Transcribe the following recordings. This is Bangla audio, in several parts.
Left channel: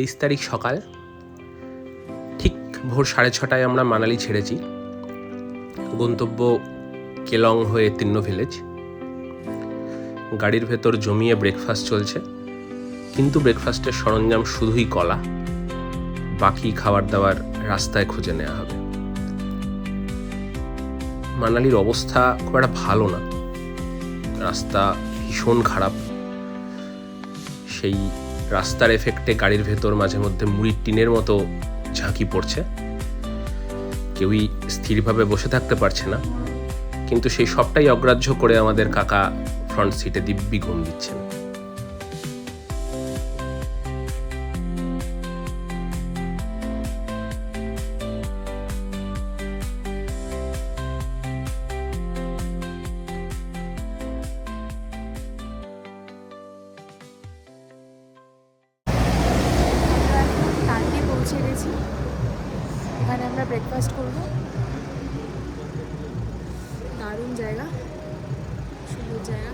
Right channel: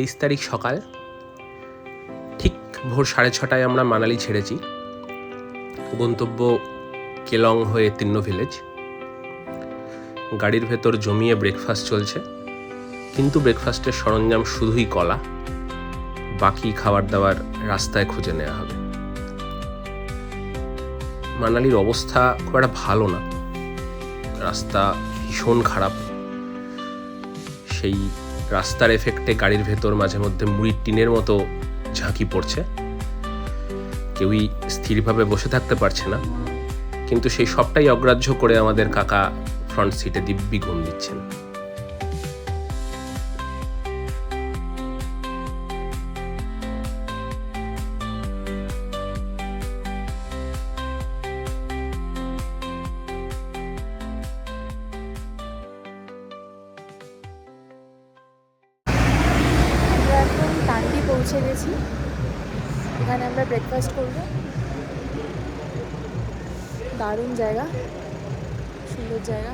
23 তারিখ সকাল ঠিক ভোর 6:30 আমরা মানালি ছেড়েছি। গন্তব্য কেলং হয়ে তিন্নো ভিলেজ। গাড়ির ভেতর জমিয়ে ব্রেকফাস্ট চলছে, কিন্তু ব্রেকফাস্টের সরঞ্জাম শুধুই কলা, বাকি খাবার দাবার রাস্তায় খুঁজে নেওয়া হবে। মানালির অবস্থা খুব একটা ভালো না, রাস্তা ভীষণ খারাপ। সেই রাস্তার এফেক্টে গাড়ির ভেতর মাঝে মধ্যে মুড়ির টিনের মতো ঝাঁকি পড়ছে, কেউই স্থিরভাবে বসে থাকতে পারছে না। কিন্তু সেই সবটাই অগ্রাহ্য করে আমাদের কাকা ফ্রন্ট সিটে দিব্যি ঘুম দিচ্ছেন। আমরা এখন টান্ডি পৌঁছে গেছি, এখানে আমরা ব্রেকফাস্ট করব। দারুণ জায়গা, সুন্দর জায়গা।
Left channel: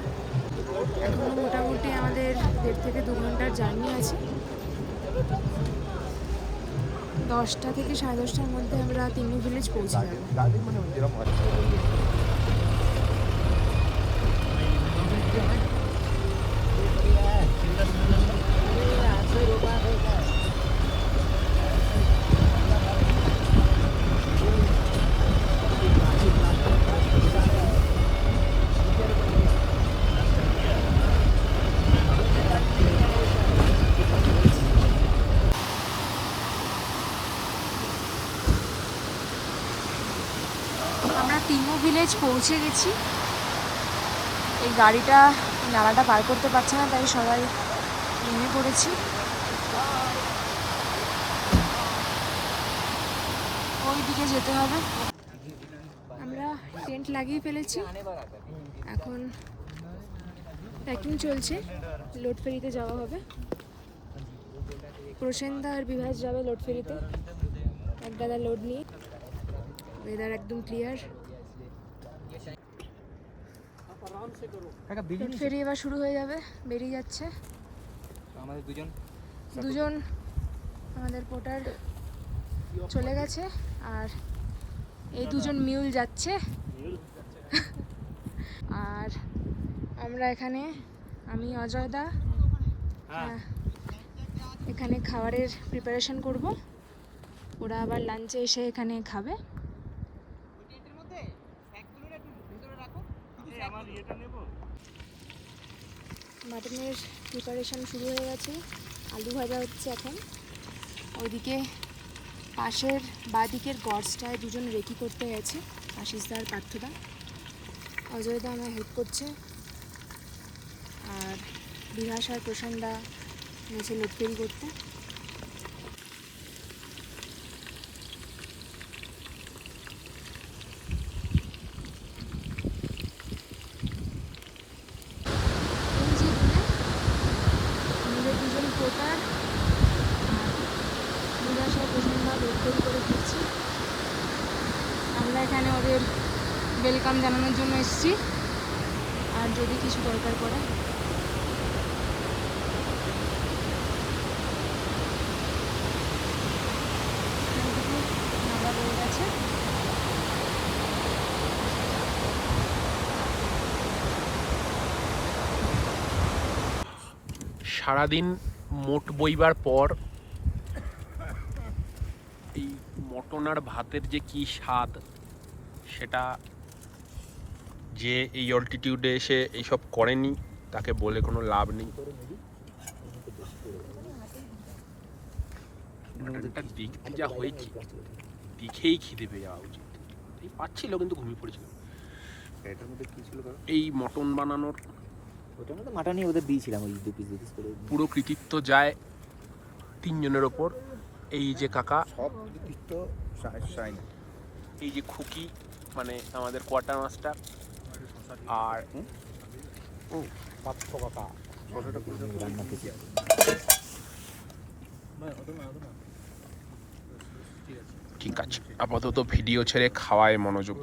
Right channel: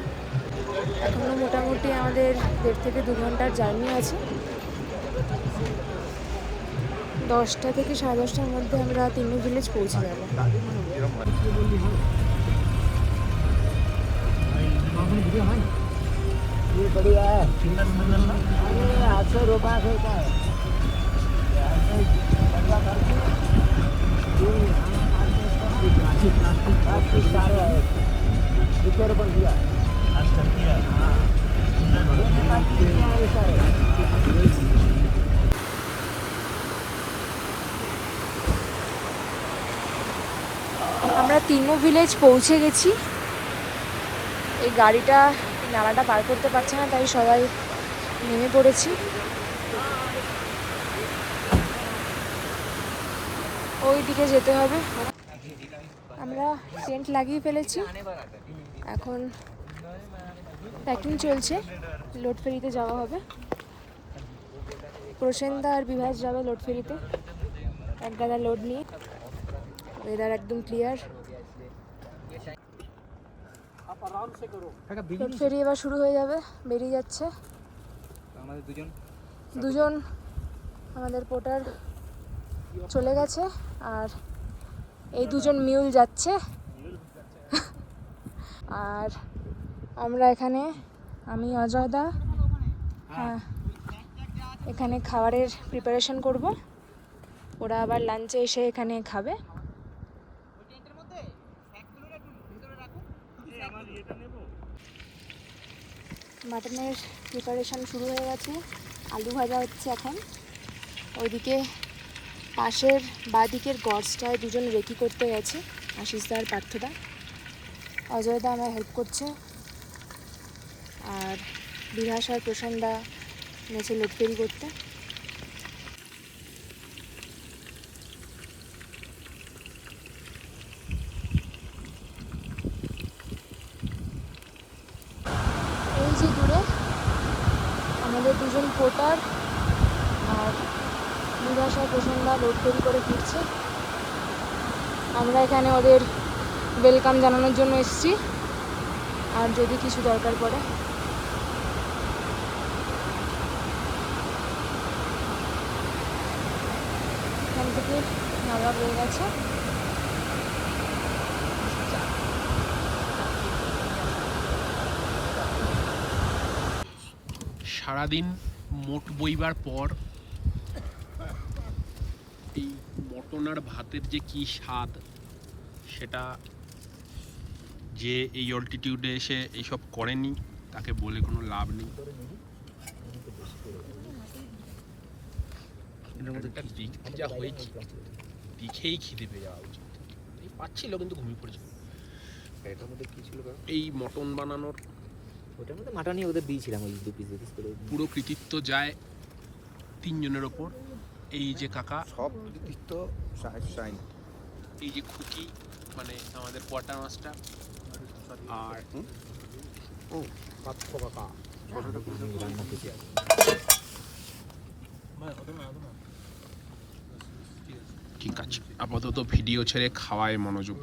এখনও মোটামুটি আমাদের 1.5 থেকে 2 ঘন্টার জার্নি আছে। 10টা থেকে 10:30টার মধ্যে আমরা তিন্নো ভিলেজ পৌঁছে যাব। আমরা তিন্নো ভিলেজ পৌঁছে গেছি। এই গাড়িটা নালাটা পার করতে পারছে না, তাই সবাই নেমে পড়েছি। ওই দিকে যেতে হবে। আমরা টেন্ট লাগিয়ে ফেলেছি, এখন প্যাকিং চলছে। লোড ফেরিতে যাওয়া হবে। প্রসেনদা আর বিভাস যাবে লোড ফেরিতে, এক গাদা লোড নিয়ে। ওয়েদার একদম ক্লিয়ার। লোড ফেরি এবার শুরু হয়ে যাবে, বেরিয়ে যাচ্ছে। দুজন আমাদের পোর্টার চলে গেছে, আর এই দুজন মিউল যাচ্ছে। আর আমরা এখানে, আমি অজয়দা এখানে খাবারের প্রিপারেশন করব। ওরা আবার লাঞ্চে এসে এখানে খাবে। মাটনের প্রিপারেশন শুরু হয়ে গেছে, আলু ভাজা হচ্ছে এখন। ওইদিকে পাশের বাঁদিকের গডসটায় দুজন রেকি করতে গেছে, আশিসদা আর পার্থদা। অজয়দা আমায় হেল্প করছে, আর বিভাস আর প্রশান্তদা নেচে লোড ফেরি করতে। এই যে দূরে আমাদের দুজন পোর্টার আর বিভাস আর প্রশান্তদা লোড ফেরি করে ফিরছে। আমরা এখানে ওদের ওয়েলকাম জানানোর জন্য এসেছি, আর যদি কিছু দরকার পড়ে। এখান থেকে নামা হয়ে গেছে। সারাদিন মোট বইবার পর এই মটন আর ভাতের যে কি স্বাদ, সেটা যে এই অল্টিটিউডে এসে এইসব করেনি তাকে বলে কোনো লাভ নেই। দেখতে যা হয়েছে, দেখেই খিদে পেয়ে যাওয়া উচিত। এই পাচ্ছিল, কিন্তু ঘুমিয়ে পড়েছিল। এটার মধ্যে কি ছিল? এই মটন বানানোর ওটার মধ্যে মাটনই ওদের দিয়েছিলাম, ওই 2 পিস করে। পুরো কৃতিত্ব যায় 3 জনের ওপর। এই যে কাকা, সব কৃতিত্ব সাইন, এই যে খুকি মানে আমাদের কোয়ার্টার মাস্টার, আর ও পাত্র কাকা ফটোটা করে রান্না করছি। ঠিক আছে, আপাতত ভিডিও ছেড়ে খাওয়ায় মনোযোগ।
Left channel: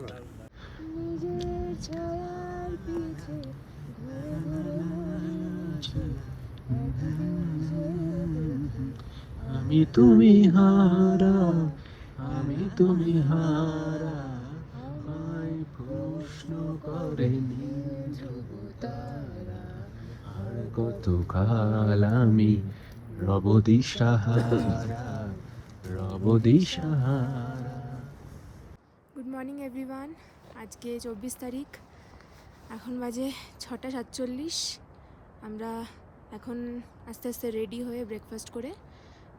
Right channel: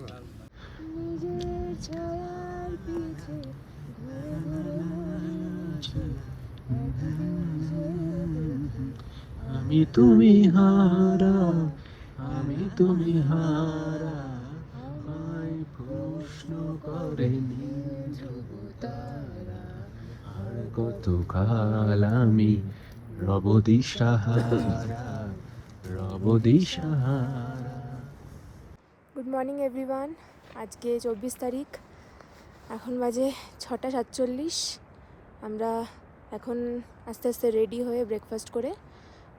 আমি তুমি হারা, আমি তুমি হারা, আমায় প্রশ্ন করে তারা, আর কত কাল আমি রব দিশাহারা, রব দিশাহারা। Good morning everyone. আজকে 24 তারিখ, এখন বাজে 6:47। আমরা এখন আস্তে আস্তে রেডি হয়ে ব্রেকফাস্ট করে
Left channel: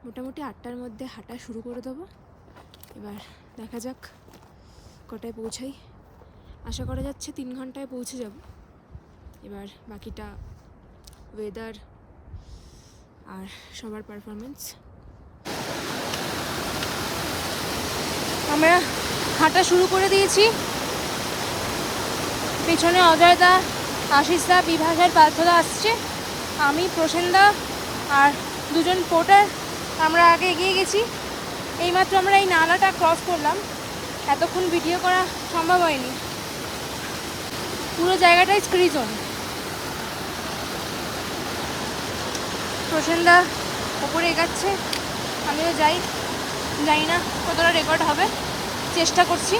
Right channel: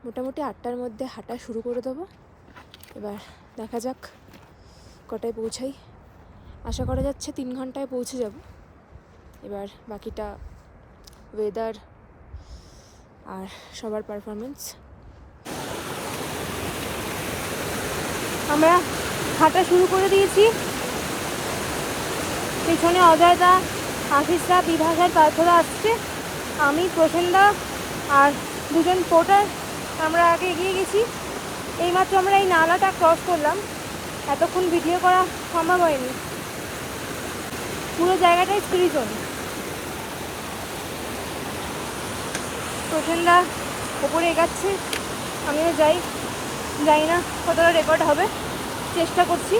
মোটামুটি 8টার মধ্যে হাঁটা শুরু করে দেবো। এবার দেখা যাক কটায় পৌঁছাই। আশা করা যাচ্ছে 3 ঘন্টায় পৌঁছে যাব। এবার বাকিটা ওয়েদার আর সবার পারফরমেন্স। আমরা হাঁটা শুরু করে দিয়েছি। পেছনে অজয়দা, আশিসদা, বিভাসের পার্থদা আসছে, আমি, প্রসেনদা আর দুজন পোর্টার আমরা আগে এগিয়ে গেছি। এইমাত্র আমরা এই নালাটা ক্রস করলাম, এতক্ষণ ভিডিও করা সম্ভব হয়নি। পুরো জায়গাটাই স্ক্রি জোন। প্রসেনদা ওপরে এগাচ্ছে, আমিও যাই, জানি না কতটা রেকর্ড হবে, চেষ্টা করছি।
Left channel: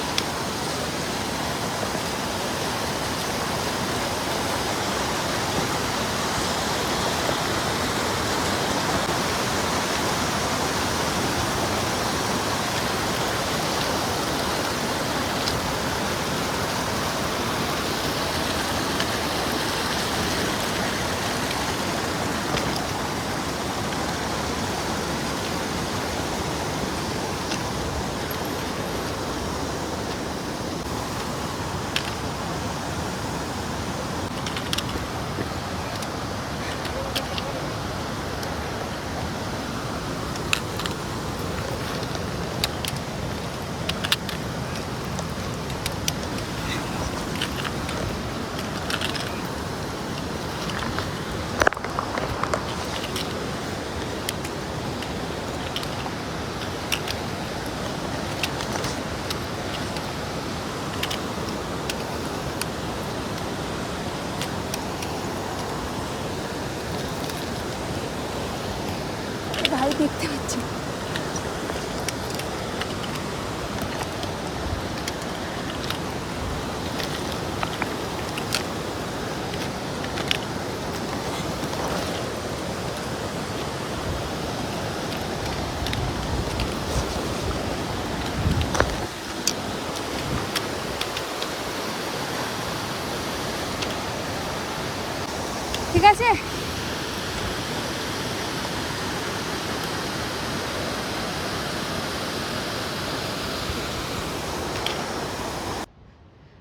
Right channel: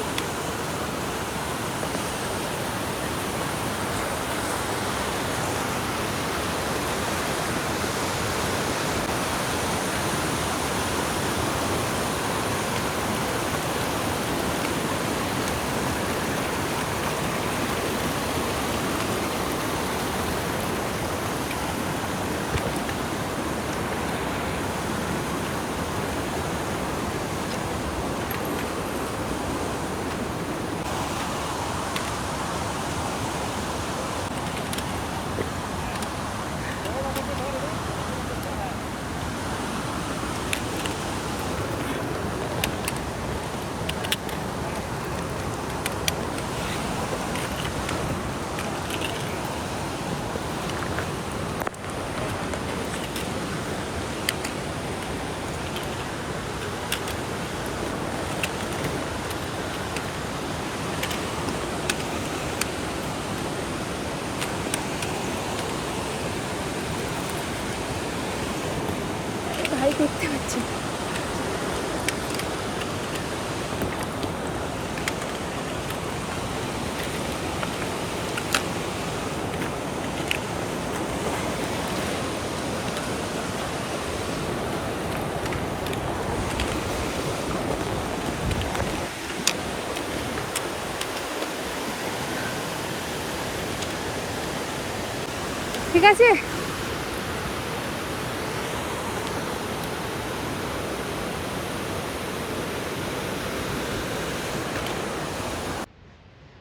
ভাই দেখতে পাচ্ছি। ঠিক আছে,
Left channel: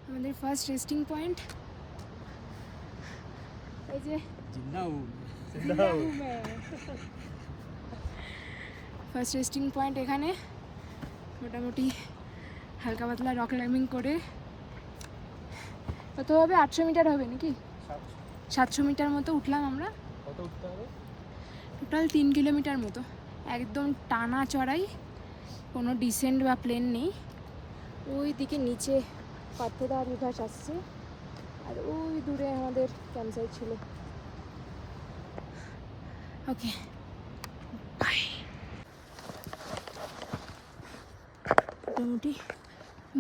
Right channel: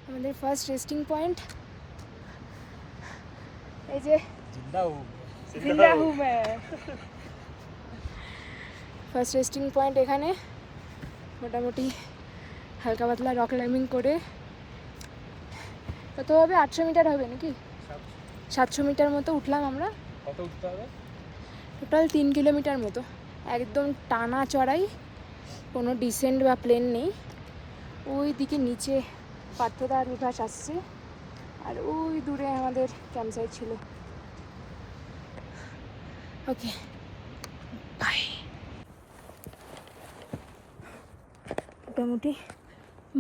আমাদের ফার্স্ট রেস্টিং পয়েন্ট এই যে ফার্স্ট রেস্টিং পয়েন্ট এখানে। মোটামুটি হালকা পাতলা রক ক্লাইম্বিং করে কত হবে, 800 মিটার হবে নাকি 700 মিটার মতো উঠলাম আমরা। কত উঠতে হবে? টোটাল 3 কিলোমিটার মতো, একদম টানা চড়াই, কোনো ডিসেন্ট বা প্লেন নেই। ওই দিকে নিচে পার্থদা আর বিভাস আসছে, আর ওই দূরে আমাদের ক্যাম্প সাইট ছিল। Okay bye. মোটামুটি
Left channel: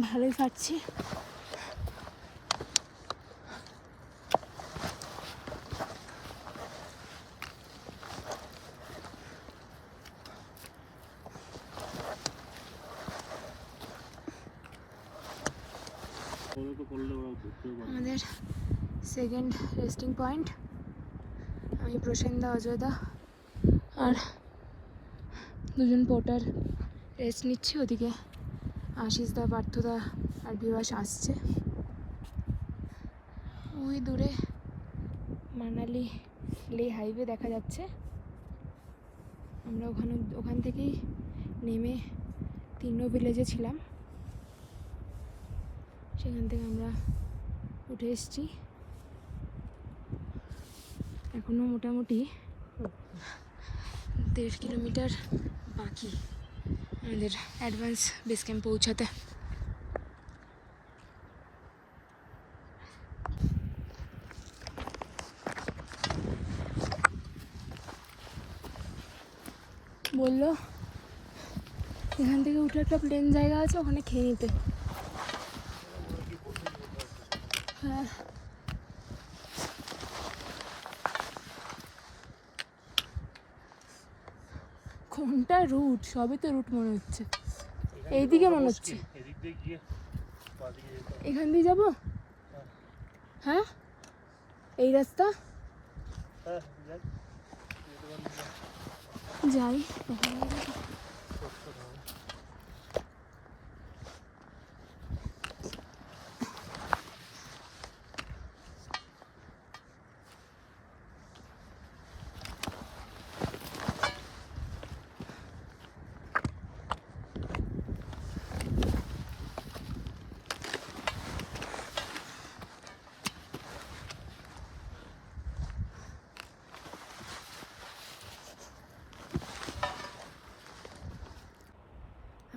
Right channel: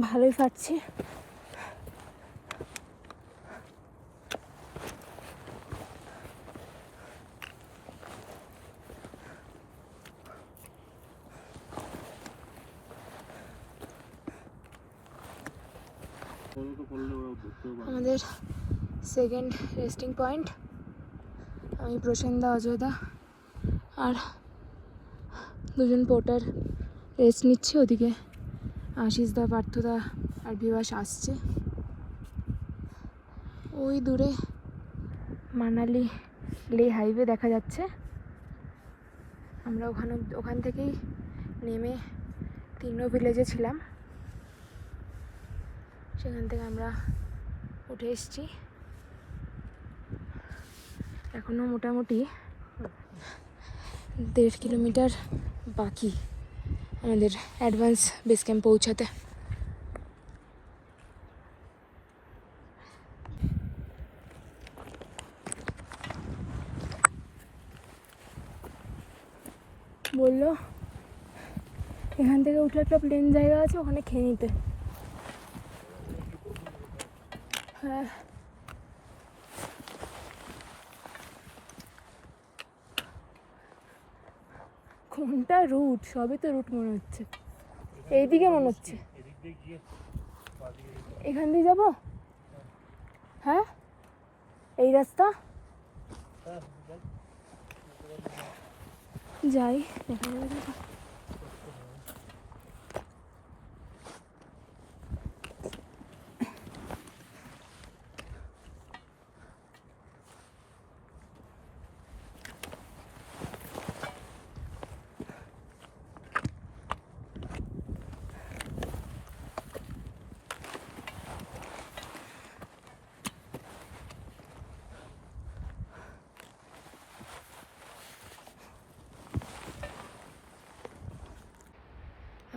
ভালোই পাচ্ছি। আমাদের সেকেন্ড রেস্টিং পয়েন্ট। আমি, প্রসেনদা, অজয়দা আর দুজন পোর্টার রেস্ট নিচ্ছে। ওদিকে আশিসদা, পার্থদা আর বিভাস আসছে। ওই দূরে মানালি লে হাইওয়ে দেখা যাচ্ছে। আমরা ওখান থেকেই নেমে 3 ভিলেজে ছিলাম, সেখান থেকে আমরা উঠে এসেছি। এখনও মোটামুটি 1.5 কিলোমিটার বাকি আমাদের অ্যাডভান্স বেস ক্যাম্প পৌঁছাতে। বললো এখান থেকে উঠে একটা প্লেন জায়গা আছে, ওখানে খেয়ে নিতে। হ্যাঁ, কোনটা রুট? সবই তো রুট মনে হচ্ছে। এইদিকে মনে হচ্ছে এখান দিয়ে যাব। হ্যাঁ, এই রাস্তা যাই, দেখা যাবে।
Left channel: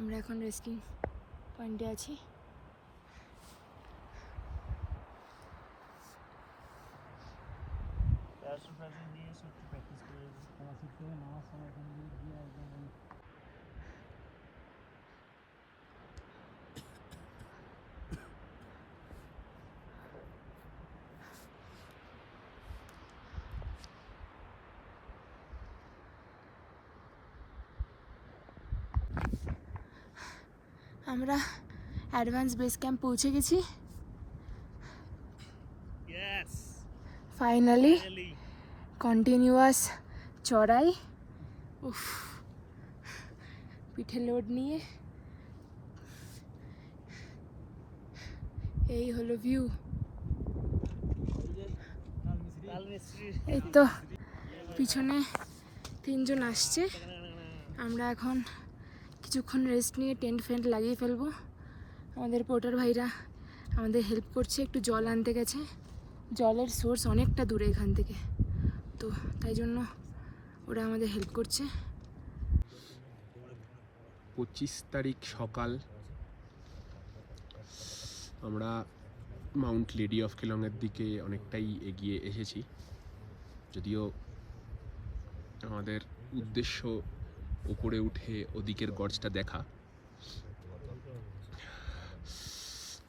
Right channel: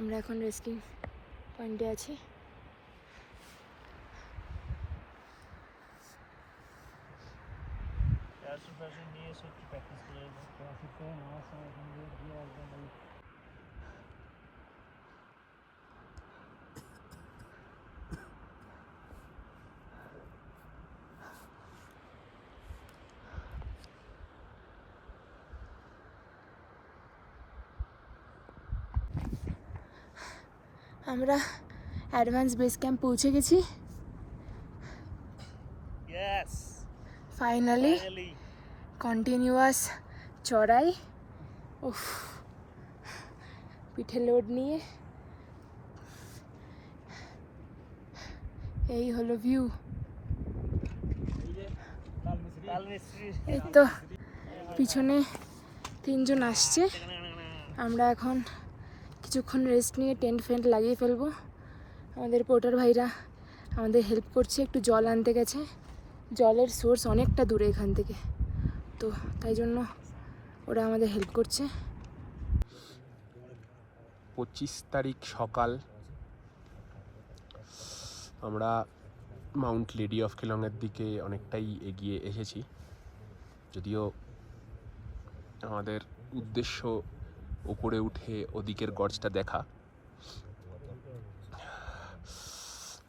আমরা এখন রেস্টিং পয়েন্টে আছি। আমরা অ্যাডভান্স বেস ক্যাম্প পৌঁছে গেছি ফাইনালি। কন্টিনিউয়াস চড়াই, উফ, পিঠে লোড নিয়ে। এই হলো ভিউ। এই তো পিছনে 3 জন আসছে। আমরা এখন কিছুক্ষণ রেস্ট নিয়ে টেন্ট ফেন্ট লাগিয়ে ফেলবো। আমাদের পোর্টার ভাইরা আমাদের হেল্প করছে, একটু জল আনতে গেছে। জলের সোর্স অনেকটা দূরে এখান থেকে, তো তাই জন্য ওরা আমাদের হেল্প করছে। 25 তারিখ সকাল আমরা মাউন্ট লেডি অফ কেলংয়ের দিকে অনেকটাই এগিয়ে এসেছি। যদিও আমাদের উদ্দেশ্য উপরে উঠে ওদিকের গর্জটা দেখা।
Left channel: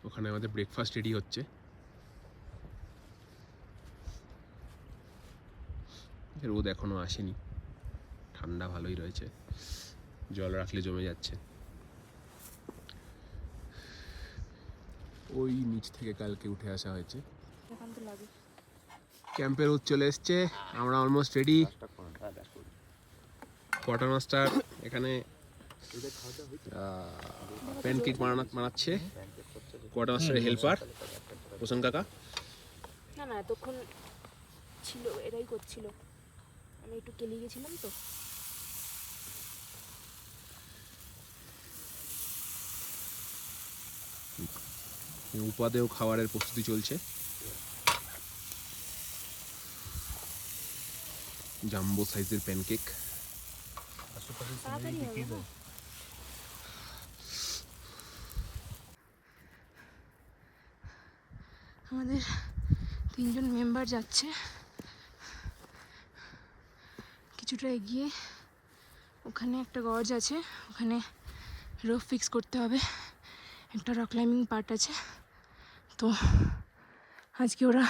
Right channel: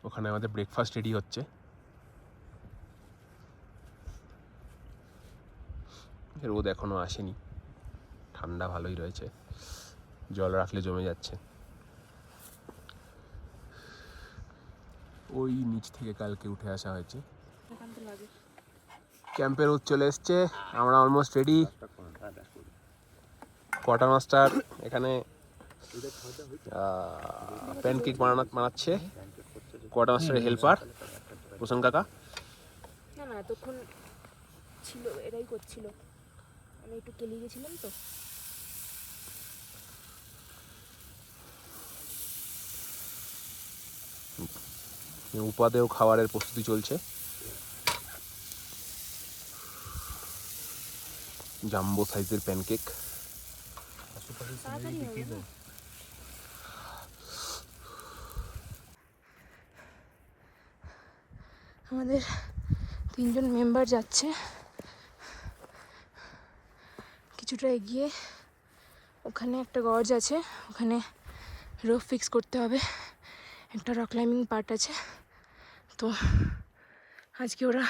ওখানে আমাদের ব্রেকফাস্ট রেডি হচ্ছে। রোদ এখনো আসেনি, ঠান্ডা ভালোই রয়েছে, জল রাখলে জমে যাচ্ছে। ওই নিচ থেকে কালকে উঠে আসা হয়েছে। ক্যাম্পে রোদ চলে এসছে, আমরা অলমোস্ট রেডি। কোয়ার্টার মাস্টার এখানে প্যানকেক বানাচ্ছে। কোয়ার্টার মাস্টারের হেল্পার প্রসন্ন কাকা। না না, এতক্ষণ ছিল, এরাই করছিল, আমি একটু কেলি গেছিলাম তো। উপাদেয় খাবারের প্রস্তুতি চলছে। জাম্বো সাইজের প্যানকেক। তাড়াতাড়ি হবে না? আমাদের 3 জন মেম্বার যাচ্ছে। কিছুটা এগিয়ে ওখানে একটা গজ আছে, ওখানে রোপ ফিক্স করতে হবে। একটা রক ক্লাইম্বিং পার্ট আছে, তো আজকে ওরা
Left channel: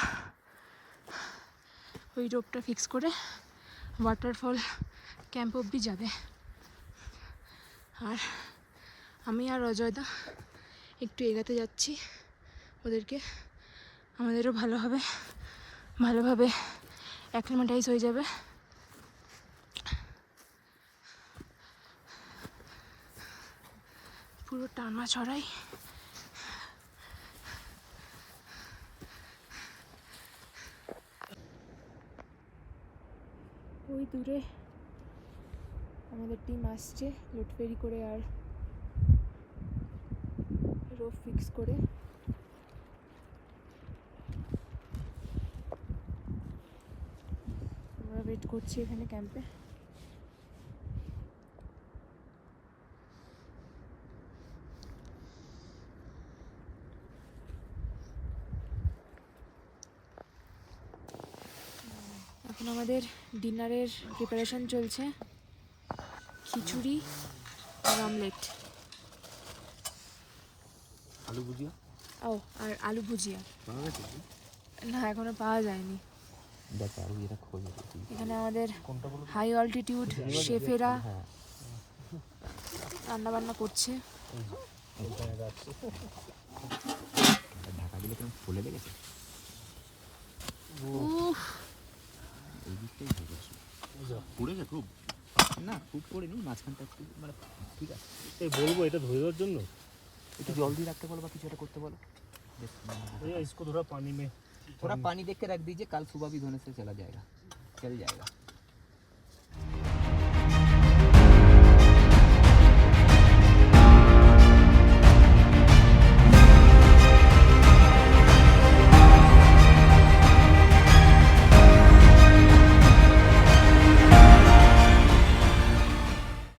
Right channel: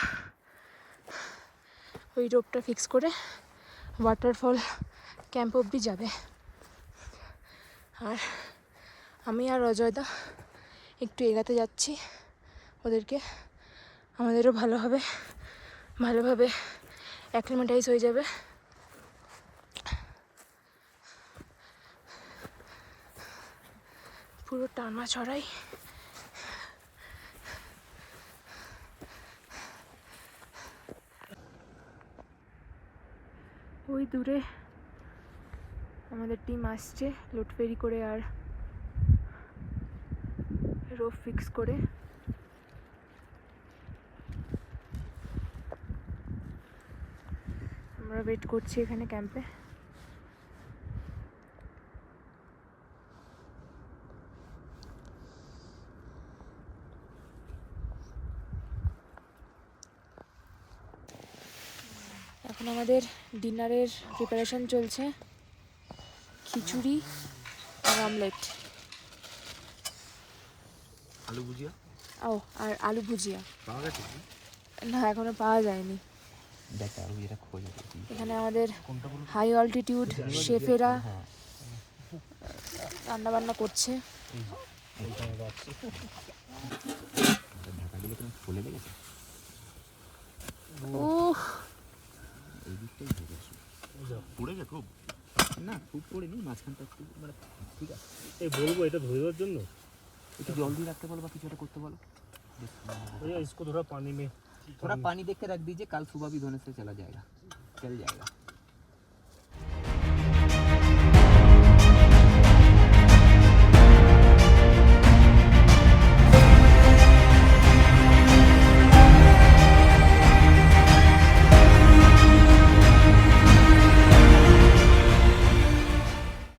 ওই রোপটা ফিক্স করে ওয়াটারফল ক্যাম্প অবধি যাবে। আর আমি আর অজয়দা একটু এগাতে যাচ্ছি ওদেরকে। আমাদেরও ভালোভাবে অ্যাক্লিমেটাইজ হয়ে যাবে। পুরো টানা চড়াই। ওই দূরে আমাদের টিম আসছে লোড ফেরি করে আর রোপ ফিক্স করে। আমরা ওয়েট করছি এখানে ক্যাম্পে। এখন আমাদের ডিনারের প্রিপারেশন চলছে। খিচুড়ি আর চিকেন অমলেট, আলু ভুজিয়া ও আর আলু ভুজিয়া। পাওয়া গেছে? না, এখনো পাওয়া যায়নি। দেখ আলু এটা খোঁজে দেখি। এখানে আমাদের হাই অল্টিটিউড শেফেরা রান্নাবান্না করছে। ঢাকা দিলে কেমন ফুলে লেগেছে, উফ, এই দিকটাই ভেজে আসে। পুড়েছে খুব? না খুব পড়েনি, মাঝখানটা একটু মানে ঠিক আছে। এই বলবো এটা ধরে দেওয়ার জন্য, একটু জল দিয়ে রাখতে বলো বা কিছু একটা করতে বলো। भैया इसको थोड़ा पानी में थोड़ा पानी देख के रख दीजिए, कल सुबह भी धोने से चला जाएगा, चल जाएगा।